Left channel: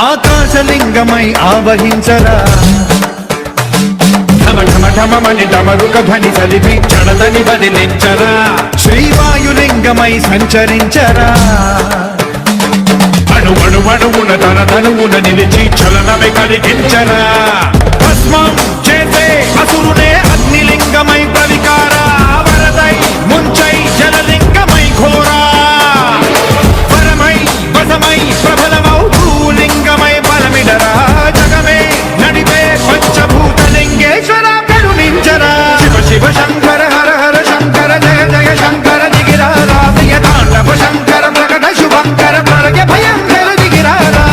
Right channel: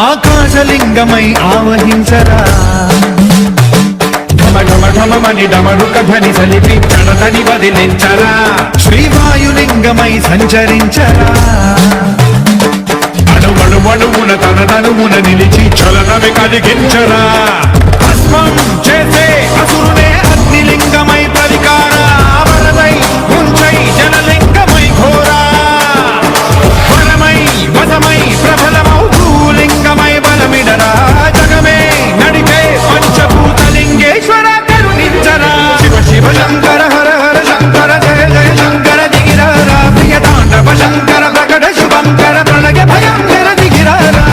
ఆకాశలింగమై ఆవహించరా ఢమఢమని డమరుక ధ్వని సలిపి చడదని వదిలించరా శ్రీవాయులింగమై సంచరించరా అణువణువున తన తనువున నిలిచి చలనమే కలిగించరా భస్మం చేసే అసురునే అగ్నిలింగమై ప్రవికార వరదై ముంచై జనలింగమై ఘోరా వరమై వదమై ప్రబలమౌ భూలింగమై బలమిడరా జగమే నడిపే పంచభూతలింగేశ్వర కరుణించరా శివ శివ శంకర హర హర శంకర జయ జయ శంకర దిగిరారా ప్రియ తాండవ శంకర ప్రకట శుభంకర ప్రళయ భయంకర దిగిరారా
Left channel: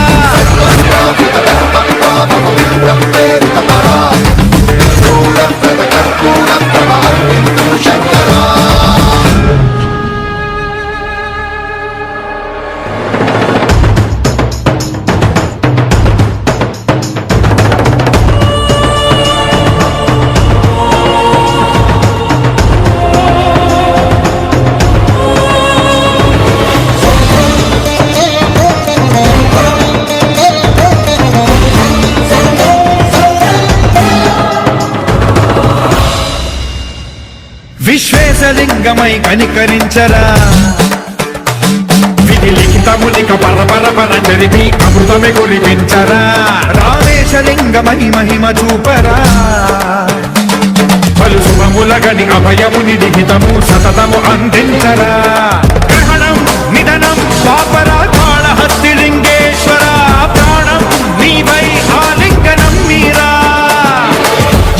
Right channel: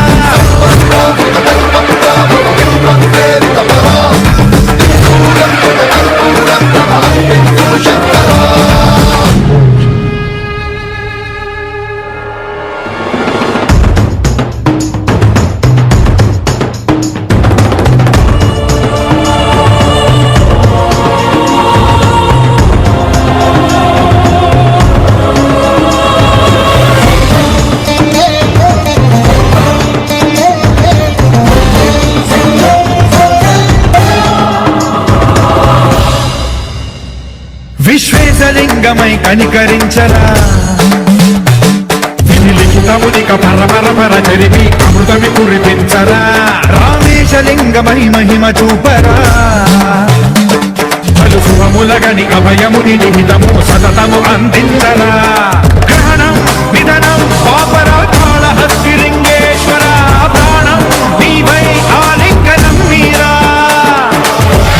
విశ్వేశలింగమై కనికరించరా విధి లిఖితమునిక పరపర జరిపి అమృతమి కురిపించరా రామేశలింగమై మహిమ చూపరా పలు శుభములగని అభయముని నిహితము సతతము అందించరా గ్రహణం నిధనం పాపరాకాళ హస్తిలింగేశ్వర ప్రాణం నీవై ఆలింగనం మీరా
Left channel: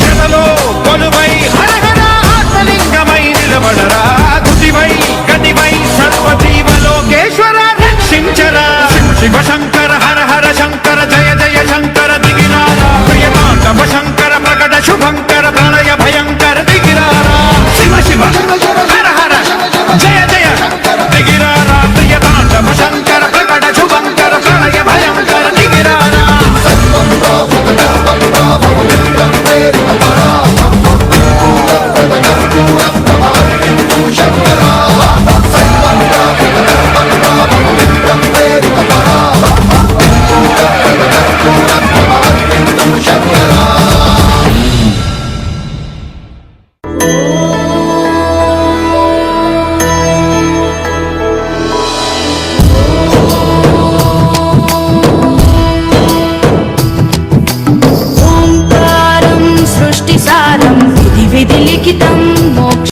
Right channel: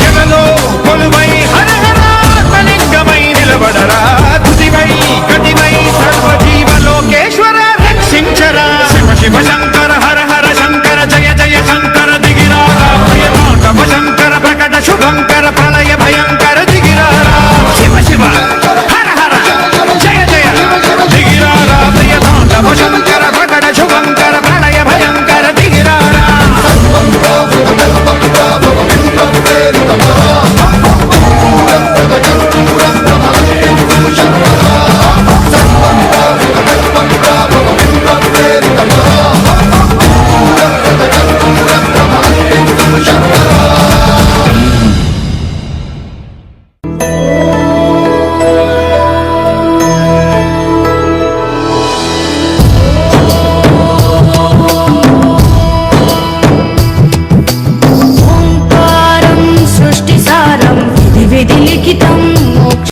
జలలో కొలువై హరహర ఆత్మలింగమై నిలబడరా తుదివై గతివై సర్వజీవలోకేశ్వర రక్షించరా శివ శివ శంకర హర హర శంకర జయ జయ శంకర దిగిరారా ప్రియ తాండవ శంకర ప్రకట శుభంకర ప్రళయ భయంకర దిగిరారా శివ శివ హర హర జయ జయ దిగిరారా ప్రియ తాండవ శంకర ప్రకట శుభంకర ప్రళయ భయంకర దిగిరారా ఓంకారం సృష్టిసారం విధి విధి లిఖితం మోక్ష